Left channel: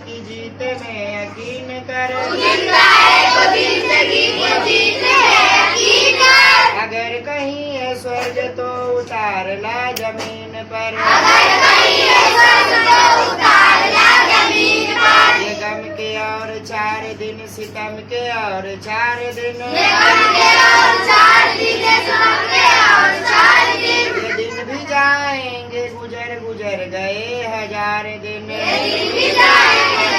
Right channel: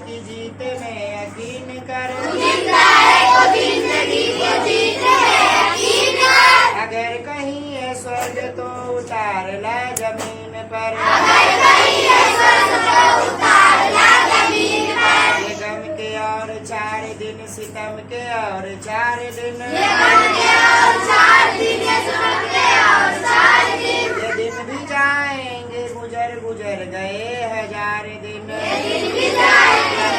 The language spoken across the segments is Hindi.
की जीत में यकीन कर, जिंदा है तो जिंदगी की जीत में यकीन कर। अगर कहीं है स्वर्ग तो उतार ला जमीन पर, अगर कहीं है स्वर्ग तो उतार ला जमीन पर। ये गम के और 4 दिन, सितम के और 4 दिन, ये गम के और 4 दिन, सितम के और 4 दिन। ये दिन भी जाएंगे गुजर गुजर गए 1000 दिन, ये दिन भी जाएंगे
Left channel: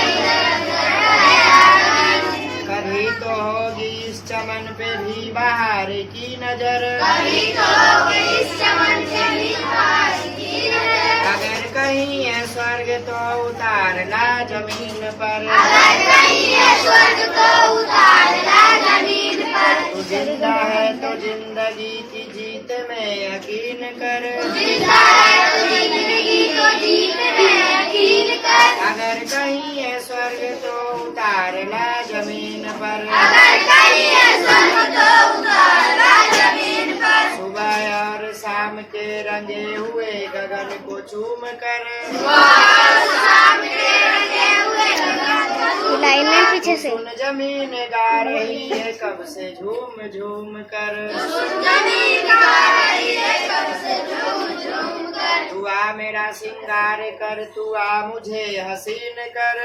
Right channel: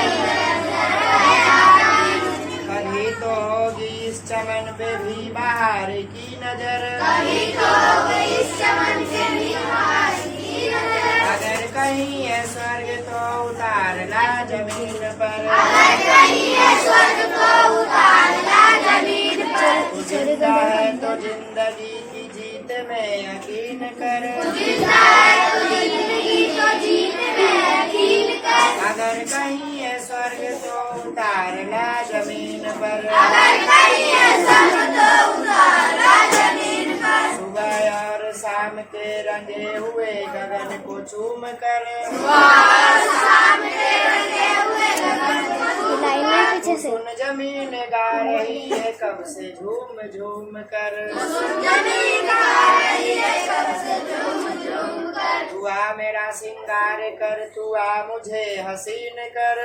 कभी तो होगी इस चमन पे भी बहार की नजर, कभी तो होगी इस चमन से भी बहार की नजर। अगर कहीं है स्वर्ग तो उतार ला जमीन पर, अगर कहीं है स्वर्ग तो उतार ला जमीन पर। तू जिंदा है तो जिंदगी की जीत में यकीन कर, जिंदा है तो जिंदगी को जीत में यकीन कर। अगर कहीं है स्वर्ग तो उतार ला जमीन पर, अगर कहीं है स्वर्ग तो उतार ला जमीन पर। सुबह और शाम के रंगे हुए गगन को चूम कर, शाम के रंगे हुए गगन को लाइन में पीछे से सुन जमीन गा रही है कब से झूम झूम कर, जमीन गा रही है कब से झूम झूम कर। तू आ मेरा सिंगार कर, तू आ मुझे हसीन कर,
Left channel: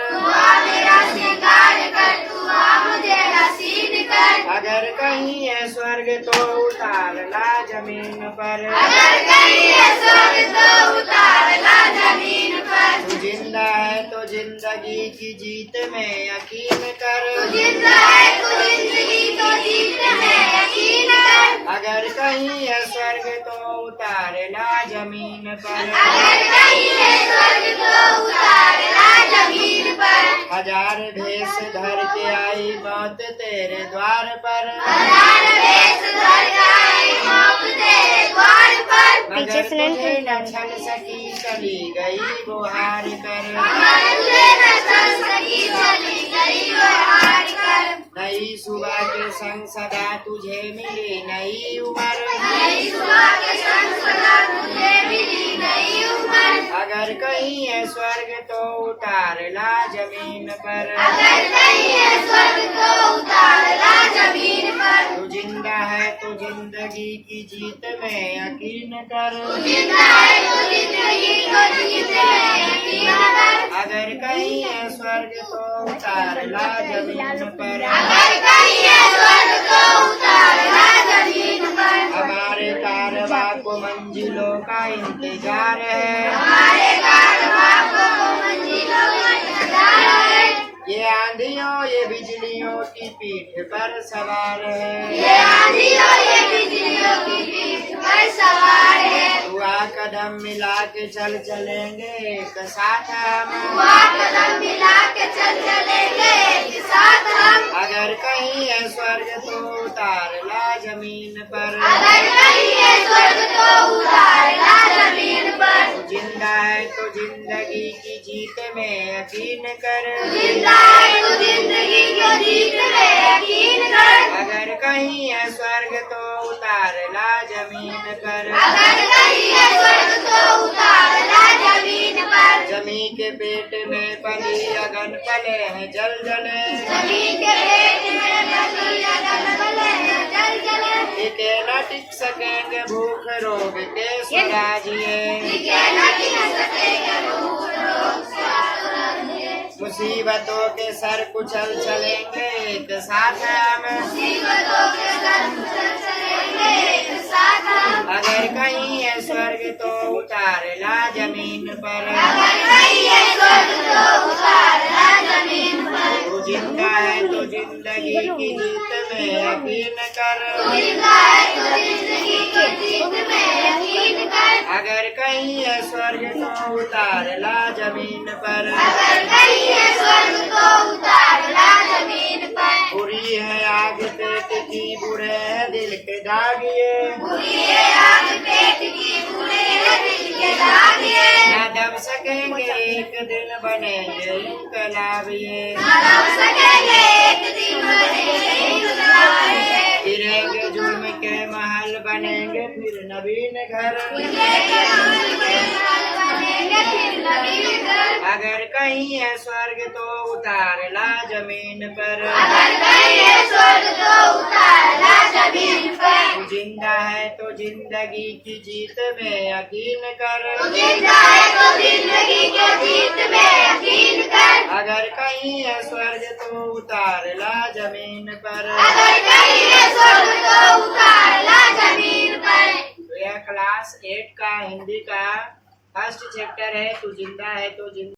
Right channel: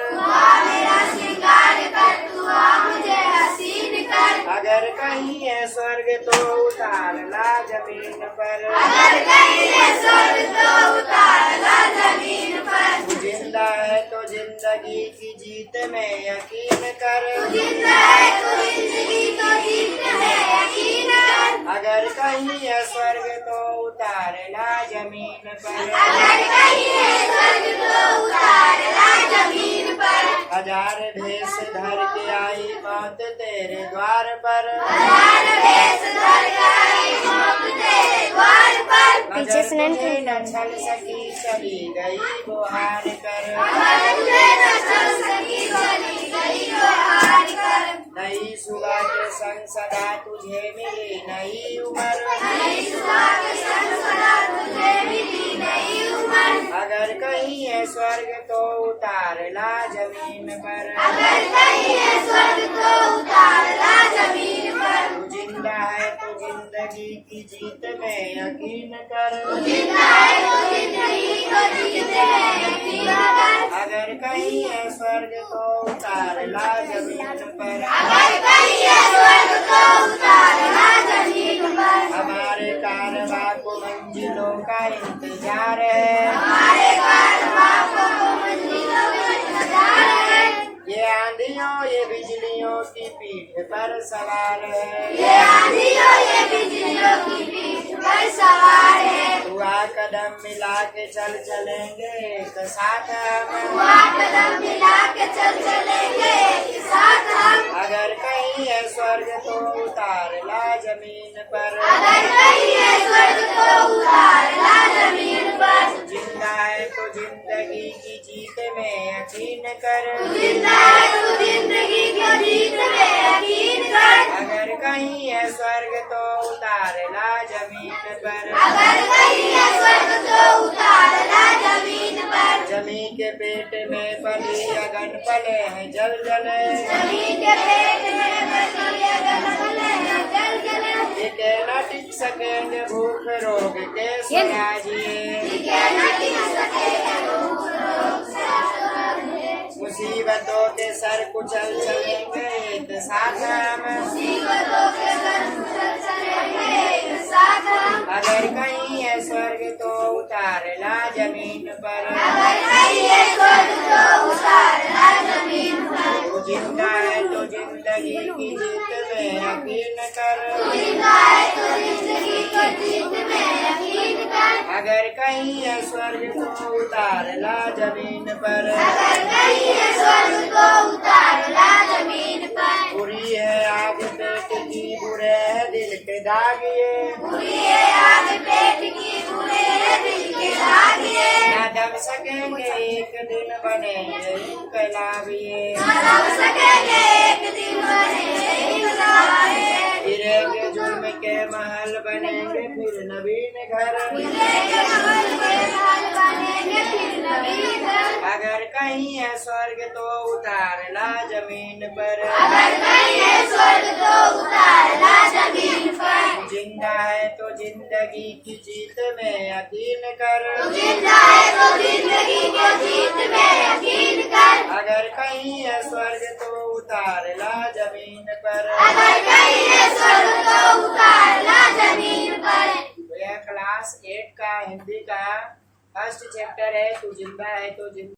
मेरा श्रृंगार कर, तू आ मुझे हसीन कर। अगर कहीं है स्वर्ग तो उतार ला जमीन पर, अगर कहीं है स्वर्ग तो उतार ला जमीन पर। तू जिंदा है तो जिंदगी की जीत में यकीन कर, जिंदा है तो जिंदगी को जीत में यकीन कर। अगर कहीं है स्वर्ग तो उतार ला जमीन पर, अगर कहीं है स्वर्ग तो उतार ला जमीन पर। 1000 भेष धर के आई मौत तेरे द्वार पर, हजार भेष धर के आई मौत तेरे द्वार पर। पीछे से नहीं तुझे न छल सकी चली गई वो हार कर, मगर तुझे न चल सकी चली गई वो हार कर। नई सुबह के संग सदा तुझे मिली नई उम्र, नई सुबह के संग सदा तुझे मिली नई उम्र। अगर कहीं है स्वर्ग तो उतार ला जमीन पर, अगर कहीं है स्वर्ग तो उतार ला जमीन पर। तू जिंदा है तो जिंदगी की जीत में यकीन कर, जिंदा है तो जिंदगी को जीत में यकीन कर। अगर कहीं है स्वर्ग तो उतार ला जमीन पर, अगर कहीं है स्वर्ग तो उतार ला जमीन पर। हमारे कारवा को मंजिलों का इंतजार है, हमारे कारवां को मंजिलों का इंतजार है। ये आंधियों ये बिजलियों की पीठ पर सवार है, ये आंधियों ये बिजलियों की पीठ पर सवार है। तू आ कदम मिला के चल चलेंगे एक साथ हम, हुआ कदम मिला के चल चलेंगे एक साथ हम। अगर कहीं है स्वर्ग तो उतार ला जमीन पर, अगर कहीं है स्वर्ग तो उतार ला जमीन पर। तू जिंदा है तो जिंदगी की जीत में यकीन कर, जिंदा है तो जिंदगी को जीत में यकीन कर। अगर कहीं है स्वर्ग तो उतार ला जमीन पर, अगर कहीं है स्वर्ग तो उतार ला जमीन पर। जमी के पेट में पली अगन पले हैं जल जले, जमीन के पेट में बसी अगन पले हैं जल जले। टिके न टिक सकेंगे भूख रोग के सुराजिए, टिके न टिक सकेंगे भूख रोग से सुराजिए। मुसीबतों के सर कुचल चलेंगे एक साथ हम, मुसीबतों के सर कुचल चलेंगे एक साथ हम। अगर कहीं है स्वर्ग तो उतार ला जमीन पर, अगर कहीं है स्वर्ग तो उतार ला जमीन पर। तू जिंदा है तो जिंदगी की जीत में यकीन कर, जिंदा है तो जिंदगी को जीत में यकीन कर। अगर कहीं है स्वर्ग तो उतार ला जमीन पर, अगर कहीं है स्वर्ग तो उतार ला जमीन पर। बुरी है आग पेट की बुरे है दिल के दागिए, बुरी है आग पेट की बुरे है दिल के दागिए। न दब सकेंगे एक दिन बनेंगे इनकलाब ये, न दब सकेंगे एक दिन बनेंगे इनकलाब ये। गिरेंगे जुल्म के महल बनेंगे फिर नवीन घर, गिरेंगे जुल्म के महल बनेंगे फिर नवीन घर। अगर कहीं है स्वर्ग तो उतार ला जमीन पर। अगर कहीं है स्वर्ग तो उतार ला जमीन पर। तू जिंदा है तो जिंदगी की जीत में यकीन कर। तू जिंदा है तो जिंदगी की जीत में यकीन कर। अगर कहीं है स्वर्ग तो उतार ला जमीन पर। अगर कहीं है स्वर्ग तो उतार ला जमीन पर। तो यह क्लास 8 का हिंदी का फर्स्ट चैप्टर है, तू जिंदा है तो जिंदा